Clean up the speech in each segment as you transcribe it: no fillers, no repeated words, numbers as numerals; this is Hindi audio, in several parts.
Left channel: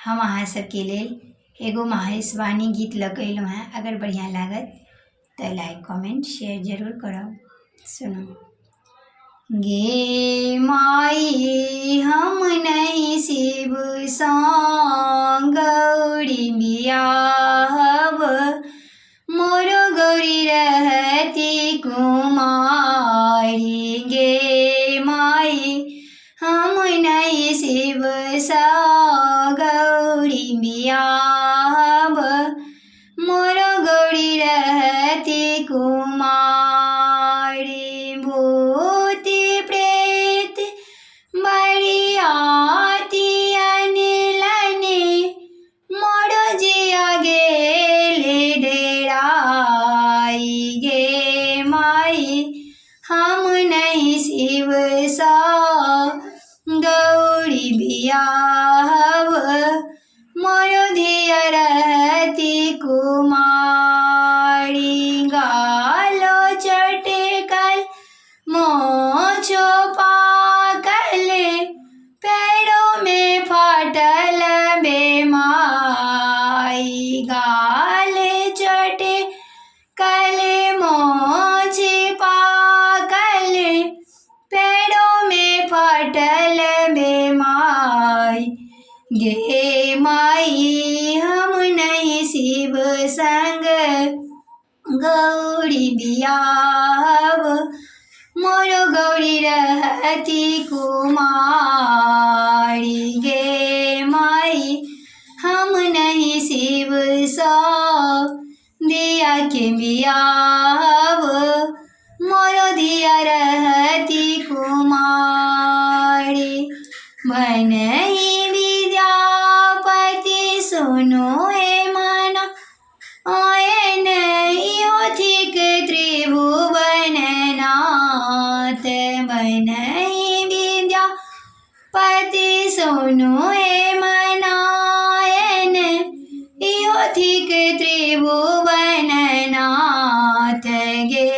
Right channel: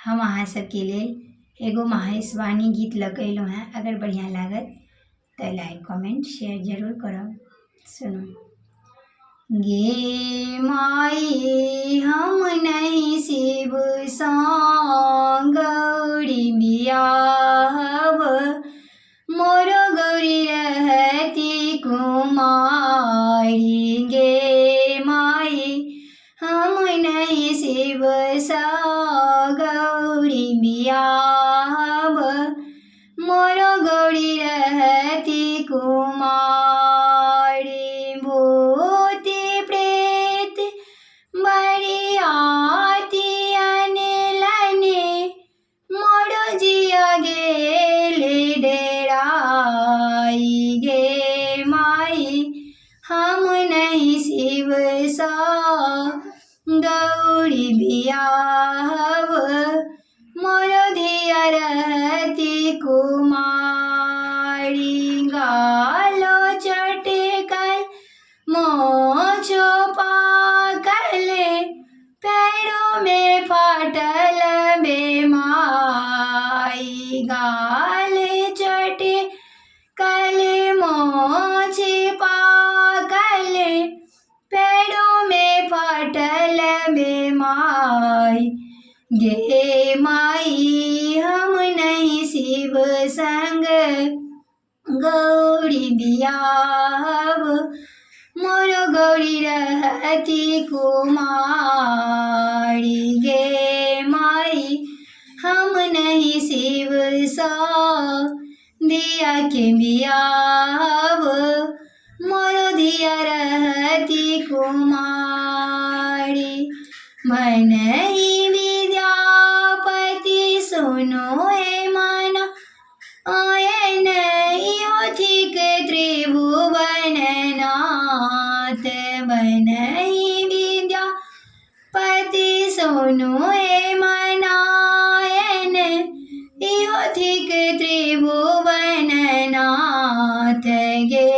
हम अहाँ सबके लेल एगो महेशवाणी गीत लगेलहुँ हैं। अगर बढ़िया लागत तो लाइक कमेंट शेयर जरूर करब। सुनो। गे माई हम नहीं शिव सँ गौरी बियाहब, मोरो गौरी रहती कुमारी। गे माई हम नहीं शिव सँ गौरी बियाहब, मोरो गौरी रहती कुमारी। भूति प्रेत बरियाती अनलने, मोरो जिया गेल डेराई। गे माई हम नहीं शिव सँ गौरी बियाहब, मोरो धिया रहती कुमारी। गालो चटकल मोछो पाकल, पैरों में फाटल बेमाई। गाल चटकल मोछ पाकल, पैरों में फाटल बेमाई। गे माई हम नहीं शिव संग गौरी बियाहब, मोरो गौरी रहती कुमारी। गे माई हम नहीं शिव सँ दिया के बियाहब, मोरो धिया रहती कुमारी। बनहि विद्यापति सुनो ए मना, आयन योथिक त्रिभुवन नाथ। बनहि विद्यापति सुनो ए मनायन, योथिक त्रिभुवन नाथ। गे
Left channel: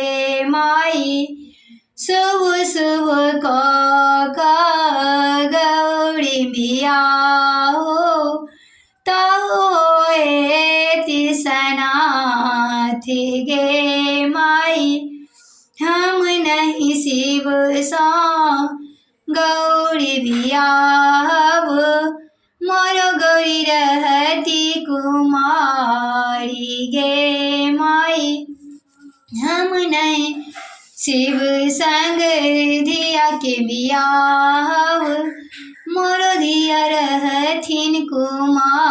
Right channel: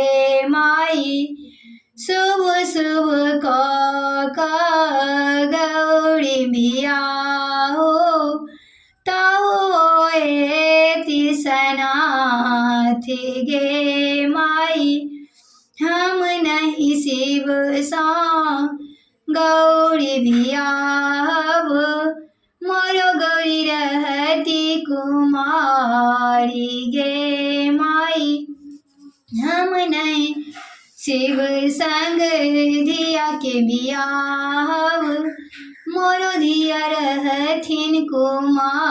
माई शुभ शुभ क गौरी बियाहो, ताहो एति सनाथ। गे माई हम नहीं शिव सँ गौरी बियाहब, मोरो गौरी रहती कुमारी। गे माई हम नहीं शिव संग धिया के बियाहब, मोरो धिया रहथिन कुमारी।